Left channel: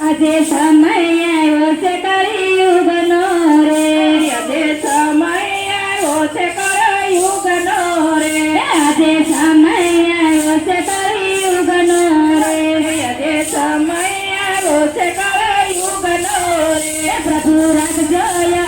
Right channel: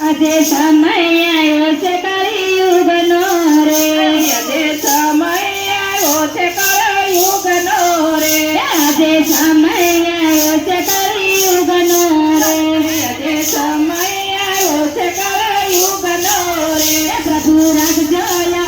આજે સમય આવ્યો છે કળિયુગનો રે, આજે સમય આવ્યો છે કળિયુગનો રે, આજે સમય આવ્યો છે કળિયુગનો રે, આજે સમય આવ્યો છે કળિયુગનો રે. પ્રભુ રાખજો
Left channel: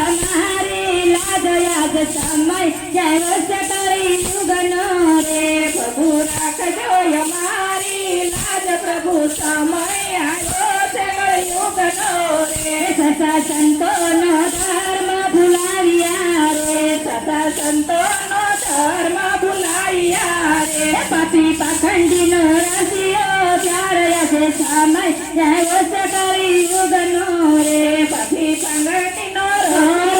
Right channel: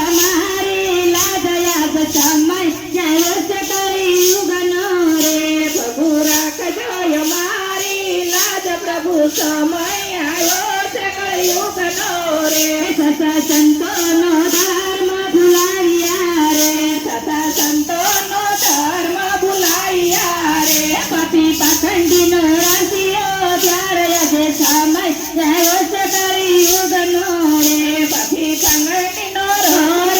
અમારી લાજ, યાદ સમય આવ્યો છે કળિયુગનો રે, પ્રભુ રાખજો અમારી લાજ, પ્રભુ સમય આવ્યો છે કળિયુગનો રે. સસા સંતોનો ધર્મ ભૂલાવ્યા રે, સતા સંતોનો ધર્મ ભૂલાવ્યા રે, પાપી પાખંડીનો રાશિયો ત્યારે આજે સમય આવ્યો છે કળિયુગનો રે, પાપી પાંગળીનો રોર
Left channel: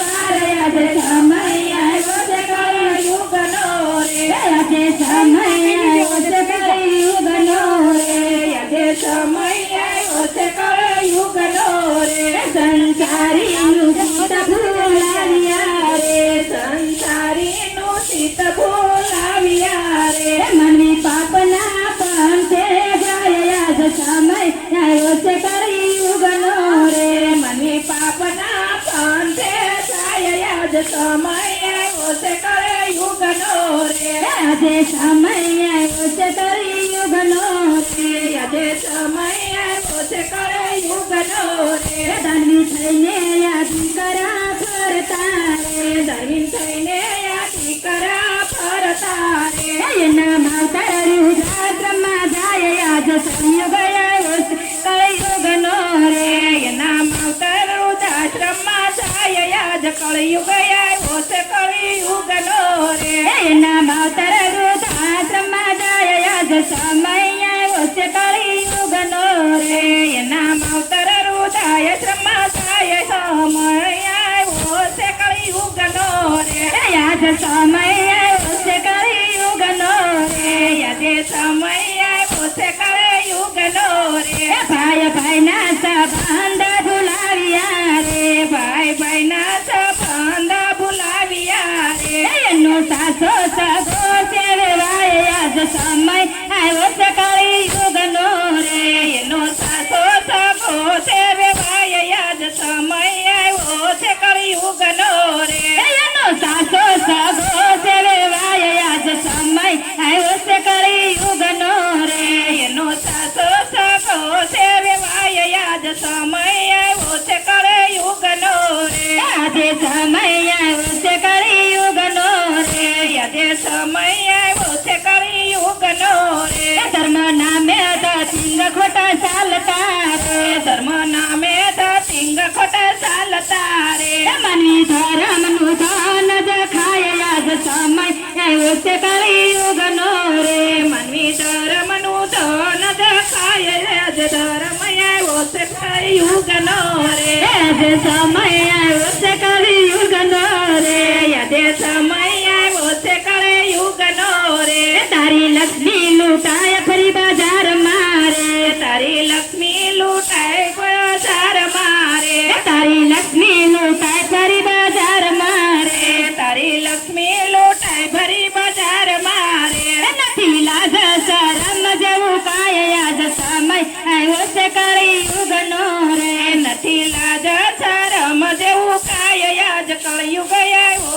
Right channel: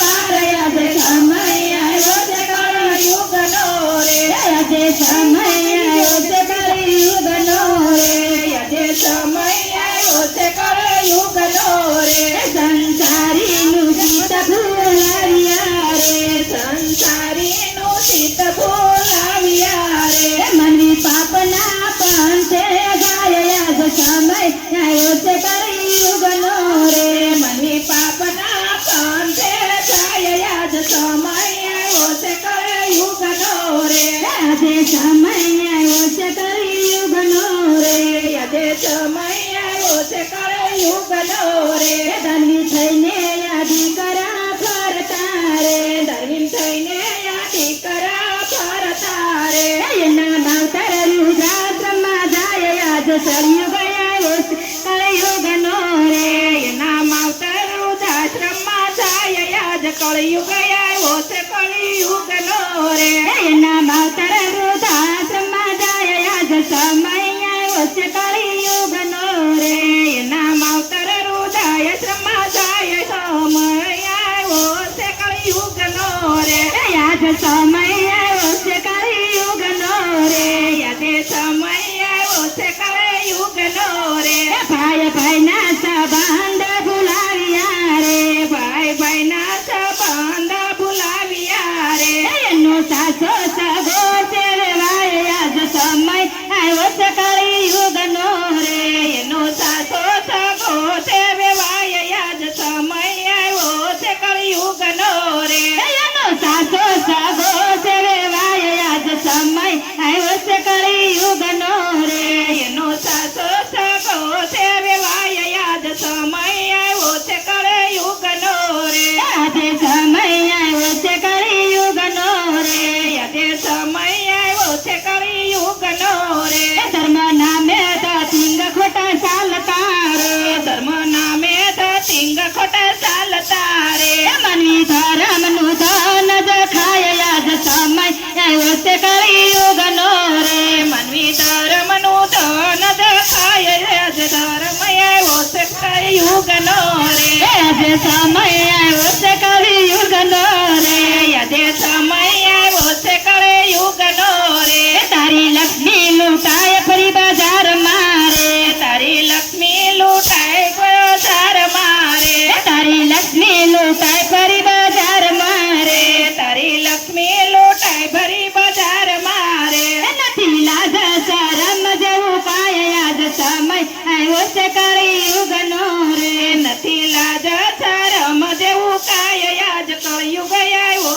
પાર આજે સમય આવ્યો છે કળિયુગનો રે. આજે સમય આવ્યો છે કળિયુગનો રે, આજે સમય આવ્યો છે કળિયુગનો રે. સંસારીનું ચિત્ત ભૂલાવ્યા રે, સંસારીનું ચિત્ત ભૂલાવ્યા રે, મનવી પાપના પંથે જાય આજ સમય આવ્યો છે કળિયુગનો રે, મનવી પાપના પંથે જાય આજ સમય આવ્યો છે કળિયુગનો રે. આજે સમય આવ્યો છે કળિયુગનો રે, આજે સમય આવ્યો છે કળિયુગનો રે. ધનવી થઈને યાદી કરા ફરતા રે, ધર્મીન થઈને યાદી કરા ફરતા રે, એના માવતર રુદ્રાશ્રમમાં જાય આજ સળિયુગ આવ્યો છે કળિયુગનો રે, એના માવતર વૃદ્ધાશ્રમમાં જાય આજ કળિયુગ આવ્યો છે કળિયુગનો રે. એના માવતર વૃદ્ધાશ્રમમાં જાય આજ સમય આવ્યો છે કળિયુગનો રે, એના માવતર વૃદ્ધાશ્રમમાં જાય સમય આવ્યો છે કળિયુગનો રે. આજ સમય આવ્યો છે કળિયુગનો રે, આજે સમય આવ્યો છે કળિયુગનો રે. ભાઈ ભાઈના સંબંધ ભૂલાવ્યા રે, ભાઈ ભાઈના સંબંધ ભૂલાવ્યા રે, એનો સાસો સગો સેવાય આજ સમય આવ્યો છે કળિયુગનો રે, એનો સાસો સગો સેવાય આજ સમય આવ્યો છે કળિયુગનો રે. એનો સાસો સગો સેવાય આજ સમય આવ્યો છે કળિયુગનો રે, એનો સાસો સગો સેવાય આજ સમય આવ્યો છે કળિયુગનો રે. આજે સમય આવ્યો છે કળિયુગનો રે, આજે સમય આવ્યો છે કળિયુગનો રે. ધર્મ નામે ધતિંગ ખોટા ચાલતા રે, ધર્મ નામે ધતિંગ ખોટા ચાલતા રે, મનવી ધર્મનું ધન જ ખાય આજ સમય આવ્યો છે કળિયુગનો રે, મનવી ધર્મનું ધન જ ખાય આજ ધર્મ આવ્યો છે કળિયુગનો રે. આજે સમય આવ્યો છે કળિયુગનો રે, આજે સમય આવ્યો છે કળિયુગનો રે. તારી લક્ષ્મી લૂંટાય ફરી બજાર મારે, તારી લક્ષ્મી લૂંટાય બજાર મારે, તારી લક્ષ્મી લૂંટાય ફરી બજાર મારે, તારી લક્ષ્મી લૂંટાય ભરી બજાર મારે. નથી લાજ શરમ જેવું કાય આજ સમય આવ્યો છે કળિયુગનો રે, નથી લાજ શરમ જેવું કાય આજ કળિયુગ આવ્યો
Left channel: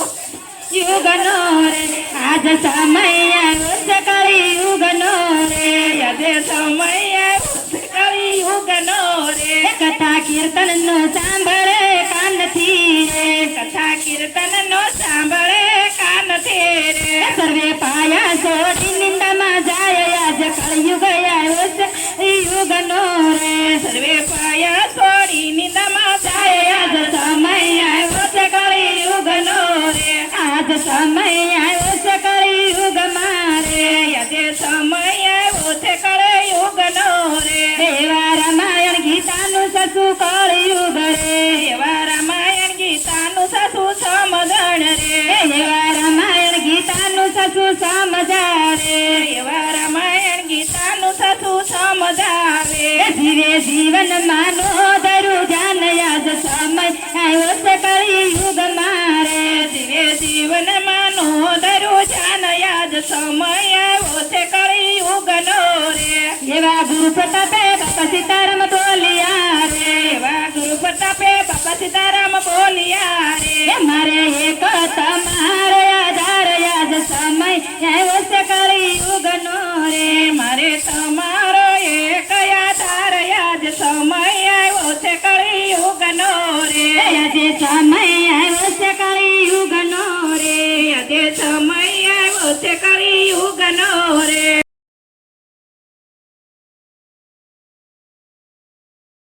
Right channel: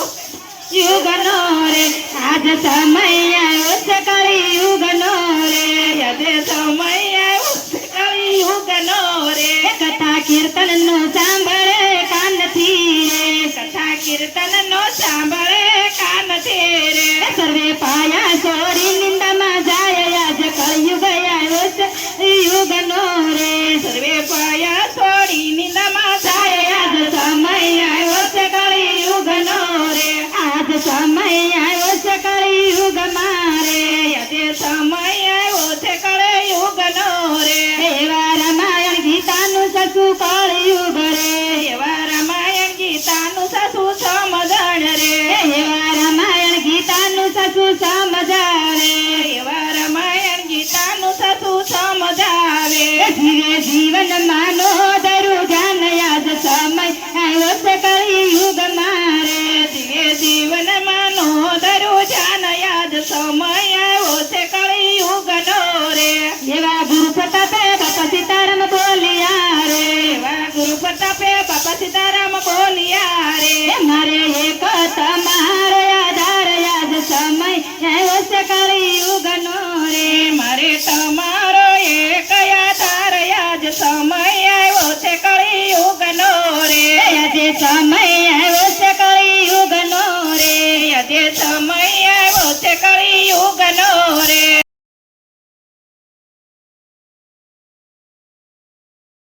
યુગનો રે, આજ સમય આવ્યો છે કળિયુગનો રે, આજે સમય આવ્યો છે કળિયુગનો રે. કથા કીર્તન નો સાંભળે કાનથી રે, કથા કીર્તન નો સાંભળે કાનથી રે, સર્વે પાયા છોડી નિંદામાં જાય આજ કળિયુગ આવ્યો છે યુગનો રે, સર્વે પાયા છોડી નિંદામાં જાય આજ સમય આવ્યો છે કળિયુગનો રે, આજ સમય આવ્યો છે કળિયુગ મારે, આજે સમય આવ્યો છે કળિયુગનો રે. એવા રામાયણ ગીતાનું સસુ કળિયુગ રે, એવા રામાયણ ગીતાનું સાસુ સમજણ રે, એવા રામાયણ ગીતાનું સસુ સમજાવે, એવા રામાયણ ગીતાનું સાસુ સમજાવે, જીવે જીવન માનો ધરું ધ્યાન આજ સમય આવ્યો છે કળિયુગ મારે, જીવે જીવનમાં નો તમારા